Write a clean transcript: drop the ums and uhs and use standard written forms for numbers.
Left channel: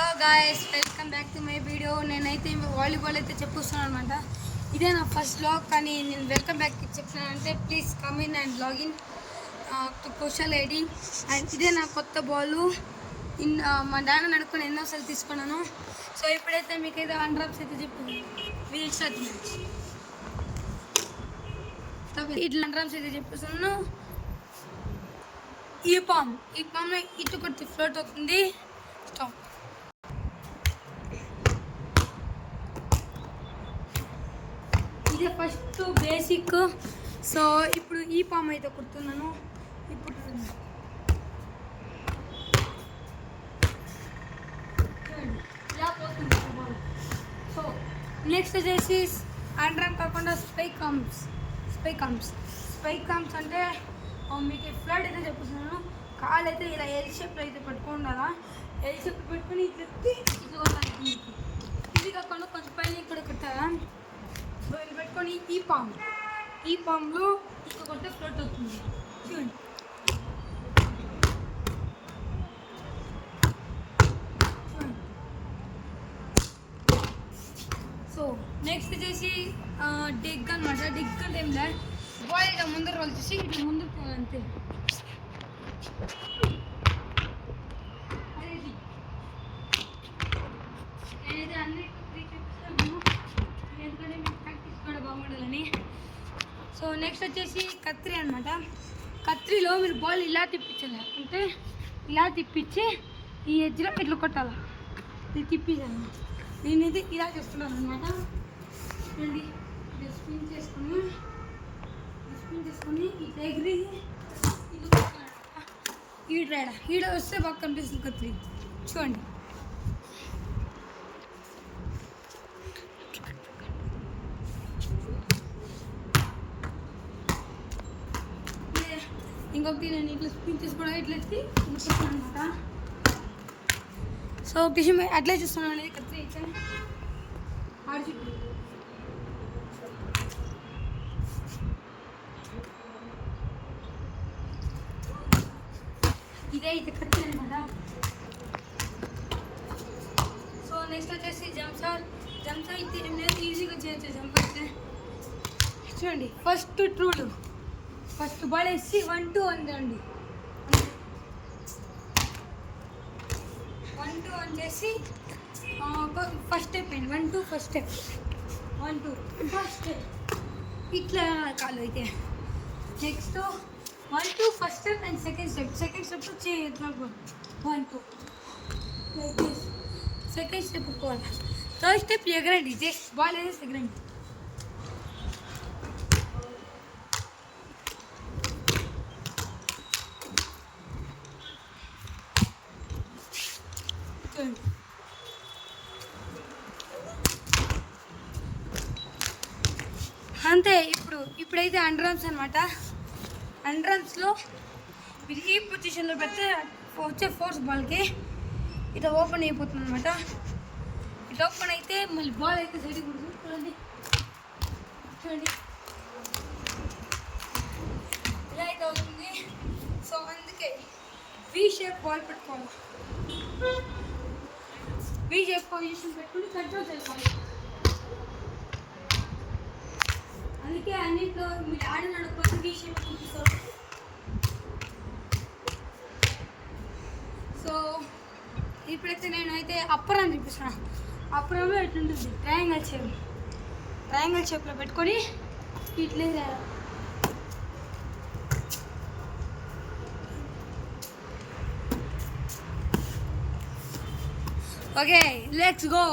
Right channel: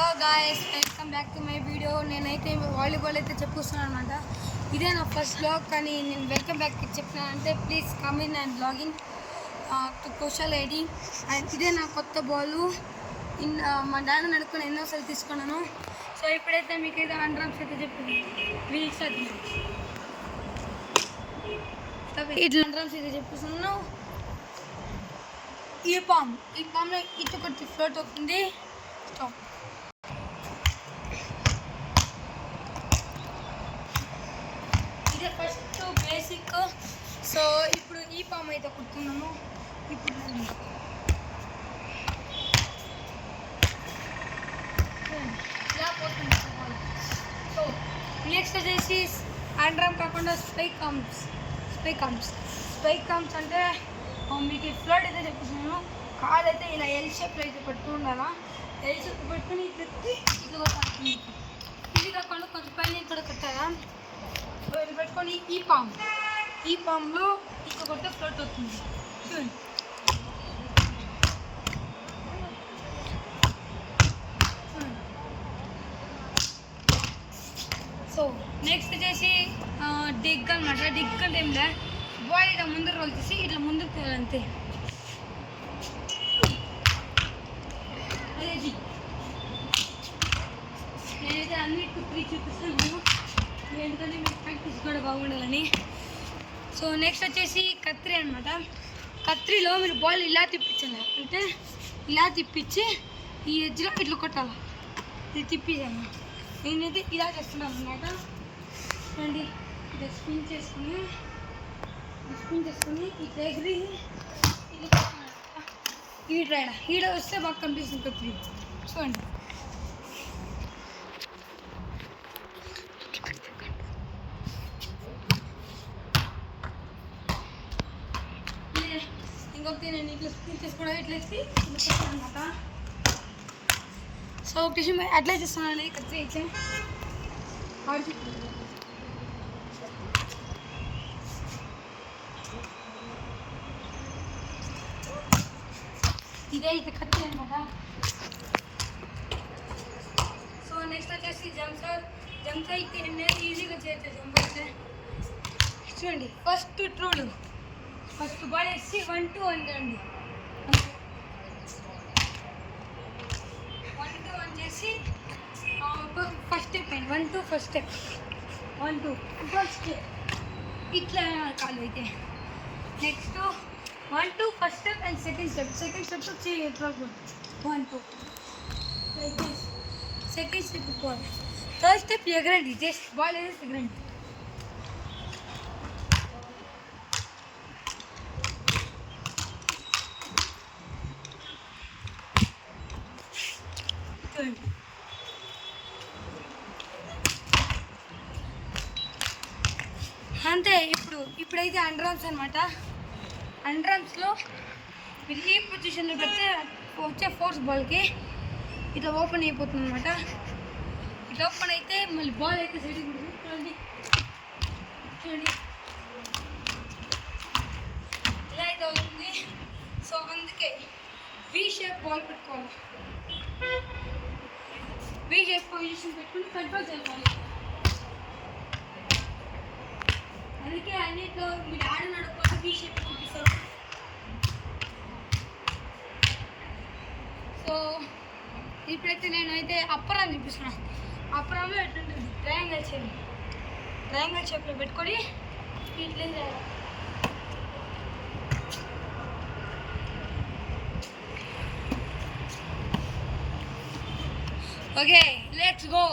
Hello guys, welcome back to my video. నేనైతే వాలీబాల్ అయితే చెప్పొస్తున్నాను అనమాట. ఇదే నా ఫస్ట్ బ్లాగ్. కానీ నేను వెల్కమ్ బ్యాక్ చెప్తున్నానంటే please come in and login to social ID. And ఇదే నా కొత్త బాలు. మా నాన్న నడుకొని ఎన్నోసార్లు తీసుకున్నాను. సో ఇప్పుడైతే మీకైతే అండర్స్ అయితే చెప్పింది వీల్ స్టార్ట్ మ్యాచ్. ఇట్లా అండర్స్ అయితే చెప్పేస్తున్నాను. ఈ పామ్లో ఇటు కొట్టి ఫ్లోట్ అవుతుంది. స్టాప్. ఇదే ఫస్ట్ బేసిక్. సో ఇప్పుడు ఈ పామ్ అయితే కుడుతున్నాను. ఇప్పుడు ఇలా పోతుంది బాల్. సో నెక్స్ట్ వచ్చేసి అండర్ కాకుండా స్పైక్ కామ్స్ అంటే మీకు ఫ్లడ్ అయితే చెప్తున్నాను. కాలు అయితే ఇలా ఎల్ షేప్లో అయితే పట్టుకుని ఉండాలా. ఎల్ షేప్ పెట్టుకుని ఇట్లా ఇట్లా కొట్టాలి. ఇది కాకుండా కొంచెం పైన కూడా కొట్టాలా. ఇది పెట్టుకొని ఈ పామ్లో ఇట్లా కొట్టే ఫ్లోట్ అవుతుంది. చూడండి. సో నెక్స్ట్ వచ్చేసి డిగ్ అనమాట. డిగ్ అంటే ఏం లే, బాల్ ఇట్లా ముందర రోల్ చేసి ఇట్లా ముందుకు తేలి అంతే. అదే నేనైతే అన్ని 2-3 చూపిస్తాను, ఎందుకంటే మీకు ప్రాక్టీస్ కూడా బాగుండాలని. సో నెక్స్ట్ వచ్చేసి కత్రి అనమాట. కత్రిలో మీరు బాల్ ఇలా తిప్పించాలి, అంటే ఇలా తిప్పించి ఈ ఎడ్జ్లో ఇట్లా కొట్టాలి. ఇది తిప్పించాను. నేనైతే ఇలా చేస్తున్నాను అనమాట. చూడండి, ఇట్లా స్పిన్ చేసుకొని ఇట్లా ఎగిరి ఇట్లా కొట్టాను. ఈడ వస్తే బాగా కనిపిస్తుంది కత్రి. చూడండి. ఇంకొకటి నేను ఇట్లా స్పిన్ చేసి కూడా ఇట్లా వేసి కొట్టాను అనమాట. సో ఒక విషయం అట్లా చేస్తున్నాను కత్రి అయితే ఇదే అయితే కత్తి అనమాట. సో నెక్స్ట్ వచ్చేసి జంప్స్ అయితే ఏం లేదు, ఈజీగా చేయొచ్చు జంప్ అయితే. చూడండి, ఫస్ట్ బాల్ వేసి 1-2 అండి. 1-2 చేసి ఫస్ట్ స్టెప్ అండి. 1-2 ఫస్ట్ స్టెప్. 1-2 ఫస్ట్ స్టెప్ ఇట్లా కాలు అయితే. నెక్స్ట్ 1-2 first step and second step వచ్చి ఎట్లా 1-2 లైక్ దిస్. సెకండ్ స్టెప్ పోవాలి. థర్డ్ స్టెప్ ఎగరండి, జస్ట్ బాల్ వేసి ఎగరండి. చూడండి. అంతే. ఇప్పుడైతే అండర్ ఆర్మ్స్ అనమాట. అండర్ ఆర్మ్స్లో మీరు ఈ పొజిషన్లో పెడితే వచ్చే ఫోర్స్ బాల్కి ఇట్లా ఓపెన్ అయిపోతుంది అనమాట. ఇట్లా ఓపెన్ అయితే మళ్ళీ బాల్ అయితే సైడ్కి ఉంటుంది. చూడండి ఇలా అయితే అవుతుంది. సో అందుకే వీ షేప్ బాల్ పెట్టుకోవాలి. వీ షేప్ పొజిషన్ పెట్టుకుని కంట్రోల్ చేసుకోవాలి. అందుకే అన్నింటిలో మీరు ఆడకపోతే వీ షేప్ చూపిస్తారు. సో ఇప్పుడైతే నేనైతే అప్పర్ అని చూపిస్తున్నాను. అప్పరంలో ఎట్లుంటుంది, ట్రయాంగిల్ షేప్లో పెట్టుకొని ఇట్లా. Okay, let's go.